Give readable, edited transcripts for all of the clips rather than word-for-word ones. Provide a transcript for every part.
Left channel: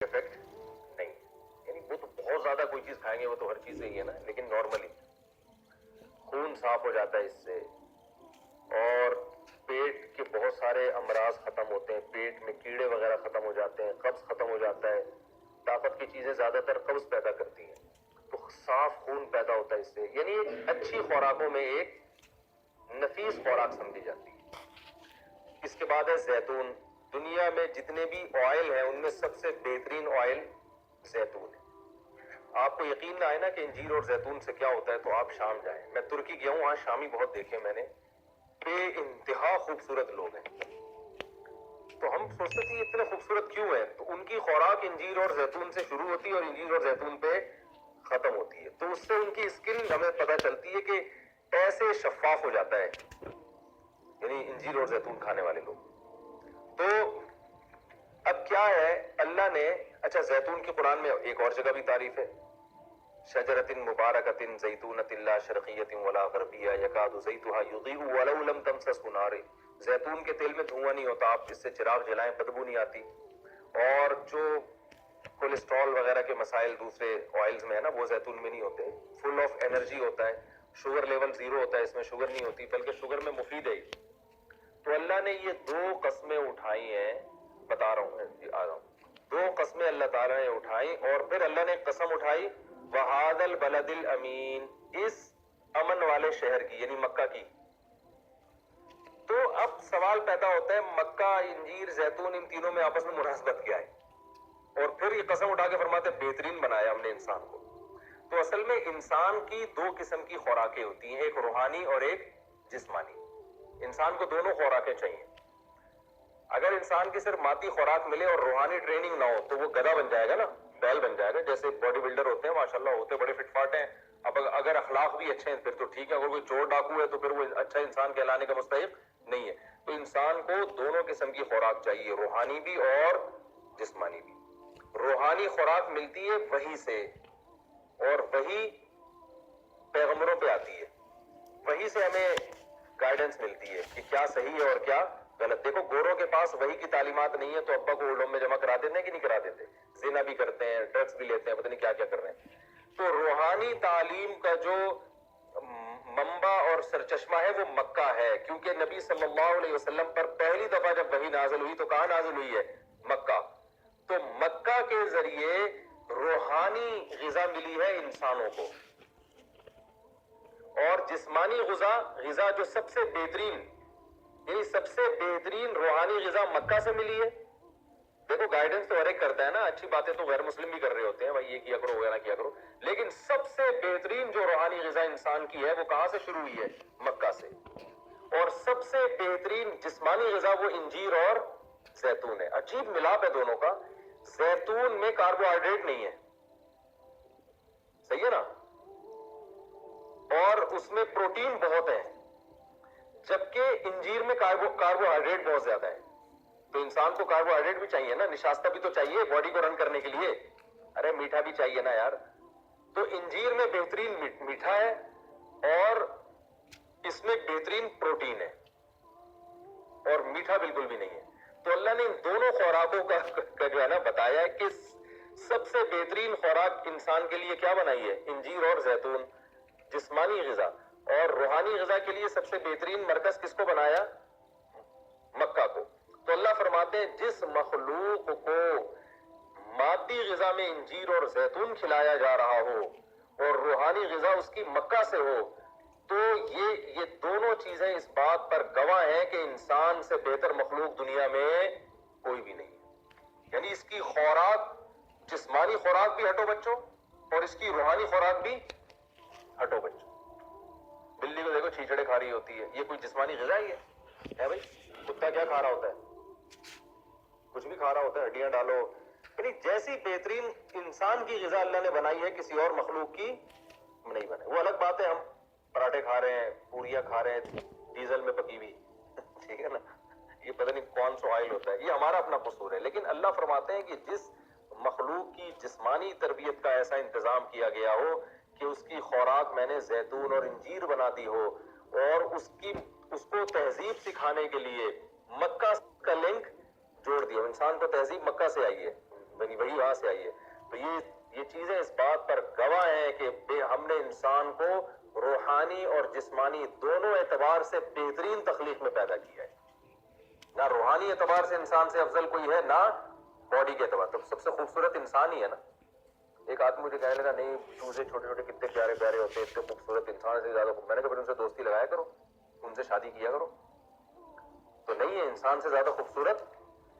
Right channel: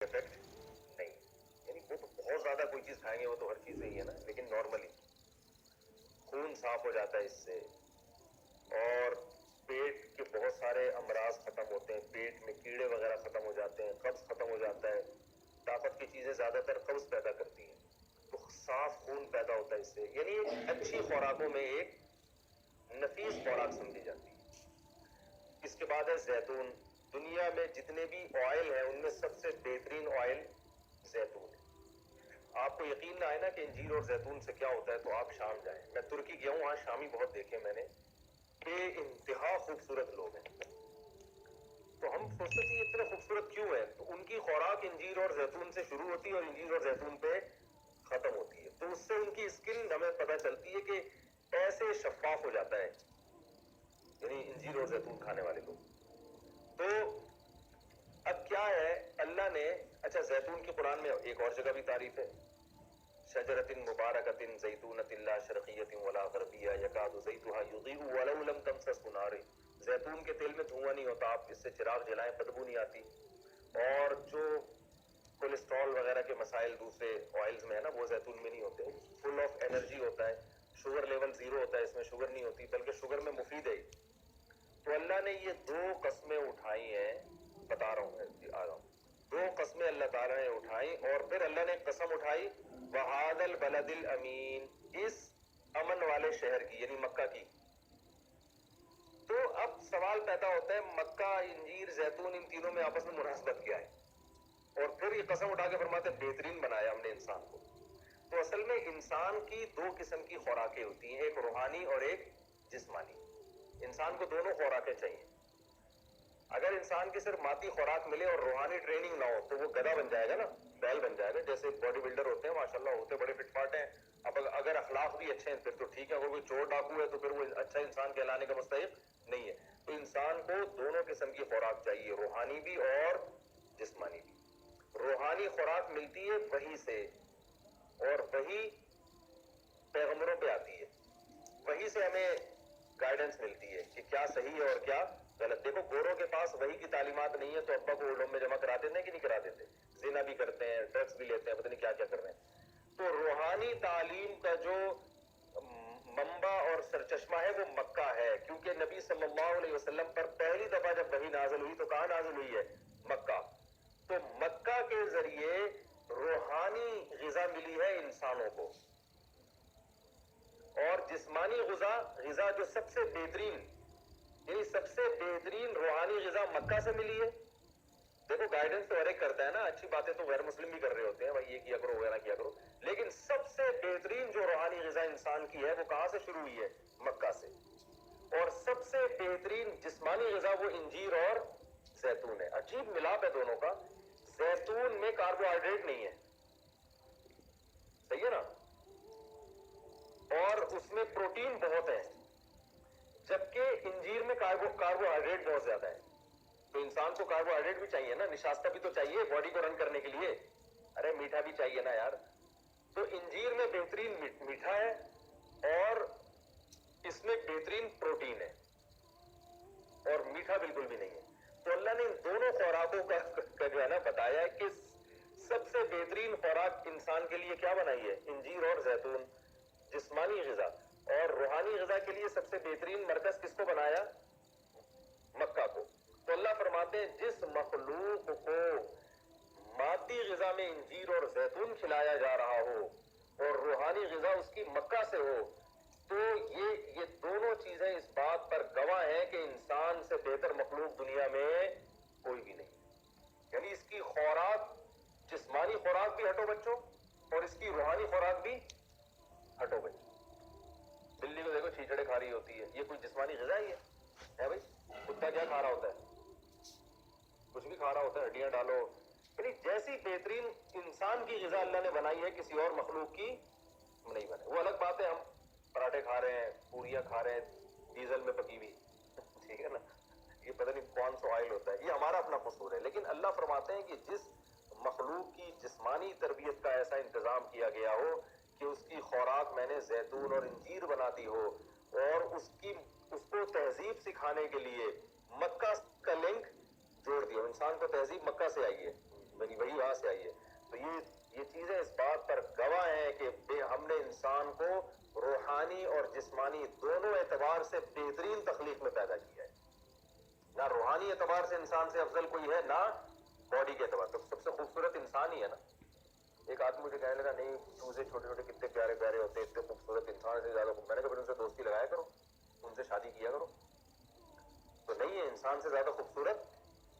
Effect نہیں. یعنی وہ تو بہت زیادہ کوئی چیز کھائیں گے وہ تو ہر چیز صحیح ہے نا, لیکن نارملی خون صاف ہو جاتا ہے اس سے, اور پیٹ کے بہت سارے امراض ختم ہوتے ہیں, پیٹ میں کیڑے وغیرہ ختم ہو جاتے ہیں, قبض ختم ہو جاتا ہے. طاقت کی چیزیں زیادہ تر قبض پیدا کرتی ہیں, تو صاف خون پیدا ہوتا ہے اس سے. یعنی اچھی خوراکوں میں ایک نفیس خوراک سمجھی جاتی ہے. اس کے بعد ہے زیتون. دنیا میں جتنے بھی آئل ہیں ان میں سب سے بہترین آئل زیتون ہے. آپ کو یقین نہ آئے نا کہ انجیر اور زیتون سے کیا ہوتا ہے تو آپ شام جائیں. میں ترکی گیا ہوں, وہاں شامی بہت دیکھے میں نے, بے انتہا خوبصورت لوگ ہیں. تو ہم سوچتے تھے یہ اتنے خوبصورت کیوں ہے, تو ان کی خوراک انجیر اور زیتون سے شروع ہوتی ہے اور انجیر اور زیتون پہ ختم ہوتی ہے. تو اس سے ان کی اسکن ہمیں پتہ چلتی ہے کہ ایسے شفاف ہو جاتا ہے, یعنی انجیر اور زیتون کھانے والے لوگ. تو اب کیا ہے, اللہ نے, اچھا زیتون کی قرآن میں ایک اور جگہ بھی تعریف ہے, شجرۃ مبارکۃ زیتونۃ لا شرقیۃ ولا غربیہ یکاد زیتها یضیء ولو لم تمسسہ نار. زیتون کے تیل میں دھواں نہیں ہوتا, آپ اس سے چراغ جلائیں بدبو نہیں آتی. اور جو کولیسٹرول وغیرہ کے مسائل دوسرے آئلز میں ہے نا, وہ زیتون میں نہیں ہوتے. فل آف انرجی ہوتا ہے, شوگر لیول 0 ہوتا ہے, اس میں شوگر نہیں ہوتی بلکہ شوگر میں مفید ہے. تو اللہ نے یہ 2 قسمیں اٹھائی ہیں, بتا رہا ہوں, آ رہا ہوں. 2 قسمیں اللہ تعالیٰ نے اٹھائی, اور پھر اللہ نے قسم اٹھائی وَهَذَا الْبَلَدِ الْأَمِينَ, اس امن والے شہر کی, یعنی مکہ کی. تو اب سوال پیدا ہوتا ہے مکہ, انجیر, زیتون, ان تینوں میں آپس میں مناسبت کیا ہے؟ اور پھر یہ قسم اٹھا کے فرماتے بہترین بنایا ہم نے انسان کو. تو اصل میں انسان کی 2 قسم کی خوراکیں ہوتی ہیں, ایک روحانی اور ایک جسمانی. انسان کو دونوں خوراکیں چاہیے. اگر انسان کی صرف مادی خوراک ملے اور روحانی ٹریننگ نہ ہو تو وہ گدھا بن جائے گا نا, بیل بن جائے گا. جیسے باڈی بلڈر ہوتے ہیں ماشاءاللہ, ہوتے بڑے فٹ فاٹ ہیں, اب اگر اخلاق بھی اچھے ہیں پھر تو ٹھیک ہے, اگر کوئی چور ڈاکو ہے تو پھر وہ اچھا انسان کہلانے کا مستحق نہیں ہے. تو انسان کو دونوں قسم کی خوراک چاہیے, روحانی بھی اور جسمانی بھی. روحانی خوراک ملتی ہے وحی سے, اور وحی پیغمبروں پہ آتی ہے. وحی سے ہمیں گائیڈنس ملتی ہے کہ کیا صحیح ہے اور کیا غلط. دیکھو گوروں کے پاس وحی کی تعلیمات نہیں ہے تو ابا کو اولڈ ہوم میں جمع کرا دیتے ہیں کہ نہیں کرا دیتے, زنا بھی کرتے ہیں, ڈرگس بھی لیتے ہیں, پتہ نہیں کیا کیا کر رہے ہیں. تو روحانی تعلیم کا جو منبع اور سرچشمہ ہے وہ مکہ ہے, کیونکہ نبی صلی اللہ علیہ وسلم پر پہلی دفعہ جب وحی نازل ہوئی تو کہاں نازل ہوئی ہے؟ مکہ. تو مکہ کے ذریعے روحانی غذا ملی ہے انسانوں کو, اور جسمانی غذا جو سب سے بہترین, یعنی سب سے بہترین روحانی غذا مکہ سے ملی ہے. دیکھو گائیڈنس تو ہر ایک کرتا ہے نا, اچھی باتیں تو غیر مسلم بھی کر رہے ہوتے ہیں, بھائی یہ کیا کرو وہ نہ کیا کرو, لیکن سب سے بہترین جو روحانی غذا انسان کی ہے وہ کہاں سے شروع ہوئی ہے؟ مکہ سے. اور سب سے بہترین جسمانی غذا وہ انجیر اور زیتون ہے. عجیب ملاپ ہے دونوں کا. زیتون میں کاربوہائیڈریٹ نہیں ہے, صحیح ہے نا, اور اس میں پروٹین بہت ہے, جبکہ انجیر میں کاربوہائیڈریٹ بہت زیادہ ہے. تو انسان کو کاربوہائیڈریٹ بھی چاہیے نا, نشاستہ بھی تو چاہیے باڈی کو رن کرنے کے لیے, ارے میٹھا بھی چاہیے نا یار. تو انجیر میں بہترین میٹھا ہے اور اس میں بہترین پروٹین ہے, اور میٹھا بالکل بھی نہیں ہے. تو اللہ نے ان دونوں خوراکوں کا جو ہے نا بتایا ہے کہ سب سے بہترین خوراک انسان کے لیے کیا بنائی ہے؟ انجیر اور زیتون, جسمانی غذا. اور روحانی غذا کے لیے سب سے بہترین مرکز کس کو بنایا؟ مکہ کو. تو اللہ فرماتے ہیں جس مخلوق کو مادی غذا میں انجیر اور زیتون کھلایا جا رہا ہو اور روحانی غذا اس کی مکہ سے ہو, تو یہ دونوں چیزیں اس بات پر گواہ ہیں کہ انسان سے بہتر مخلوق دنیا میں کوئی بھی نہیں. یعنی اس کی خوراک, جسمانی خوراک بھی ہٹو بچوں, اور اس کی روحانی خوراک بھی ہٹو بچوں. بلی کو دیکھو چھیچڑے کھا رہی ہوتی ہے, یہ کوئی جسمانی غذا ہی ہے بھائی؟ کتا کیا کھا رہا ہوتا ہے؟ کچھ بھی کھا رہا ہوتا ہے, ہڈیاں ڈالو. یعنی جیسی بہترین انسان کی غذا اللہ نے بنائی ہے کسی اور مخلوق کی نہیں بنائی. وہ الگ بات ہے ہم پراٹھے کھا رہے ہیں, پوریاں کھا رہے ہیں ڈیزل میں پکی ہوئی, ٹھیک ہے نا, یہ پتہ نہیں کون سا آئل ہوتا ہے, یہ ہمارا اپنا قصور ہے. لیکن اللہ فرماتے ہیں کہ جس مخلوق کی جسمانی تربیت کا ایسا انتظام کیا گیا ہو کہ اس کی خوراک میں نے زیتون اور انجیر بنا دی ہو, اور اس کو تہذیب سکھانے کے لیے مکہ کا لنک جوڑ دیا. انسان کو تہذیب مکہ سے آئی ہے, میری وہی وہاں یہ چیزیں اس بات پر گواہ ہیں کہ ہم نے انسان کو روحانی اور جسمانی دونوں اعتبار سے بہترین تخلیق میں پیدا کیا ہے. نہ روحانی اعتبار سے انسان سے افضل کوئی ہے، نہ باڈی کے اعتبار. تو سب سے خوبصورت انسان ہی ہے نا. ایک آدمی مجھے کہنے لگا نہیں چوزے چھوٹے چھوٹے کتنے پیارے پیارے ہوتے ہیں، اتنے خوبصورت، انسان سے زیادہ خوبصورت. میں نے کہا پھر ان سے دوستی لگایا کرو، ان سے شادی کیا کرو. تو نہیں ہے انسان سے زیادہ خوبصورت.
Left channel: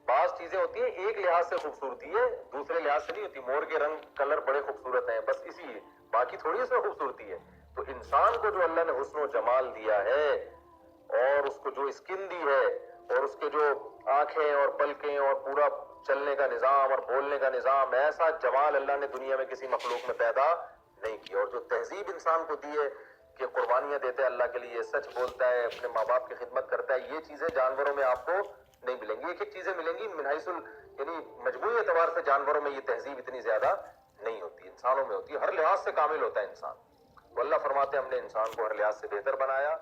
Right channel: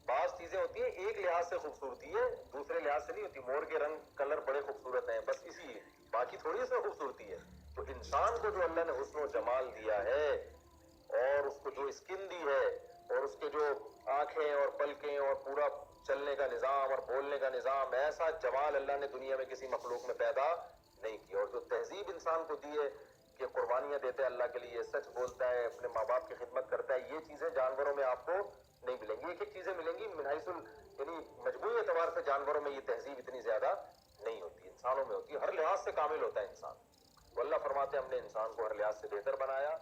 بعض چیزیں ہوتی ہیں ایک لحاظ سے خوبصورتی ہے، دوسرے لحاظ سے نہیں ہوتی. مور کے رنگ کلر بڑے خوبصورت ہیں، بس اسی ہے، باقی تھوڑی اس میں خوبصورتی ہے. تو انسان کو جو اللہ نے حسن و جمال دیا ہے، اور اس کو جو اسکن دی ہے، اور اس کے جو آنکھیں اور پلکیں اور پورا چلنے کا نظام اور بولنے کا نظام، ایسا جمال اللہ نے دنیا میں کسی مخلوق میں پیدا نہیں کیا. اور جو تہذیب انسان کو دی ہے کہ قربانیاں دیتا ہے اللہ کے لیے، سچ بولتا ہے، اپنے ماں باپ کی خدمت کرتا ہے، یہ چیزیں جانوروں میں آپ کو نہیں ملیں گی. ایک ایک چیزیں ملیں گی من حیث یعنی مجموعی اعتبار سے جانوروں میں یہ تہذیب اتنی زیادہ نہیں ہوتی، انسانوں میں ہوتی ہے. ہر لحاظ سے کامل ہوتا ہے انسان. تو اللہ فرماتے ہیں ہم نے انسان کو ہر لحاظ سے بہتر بنایا.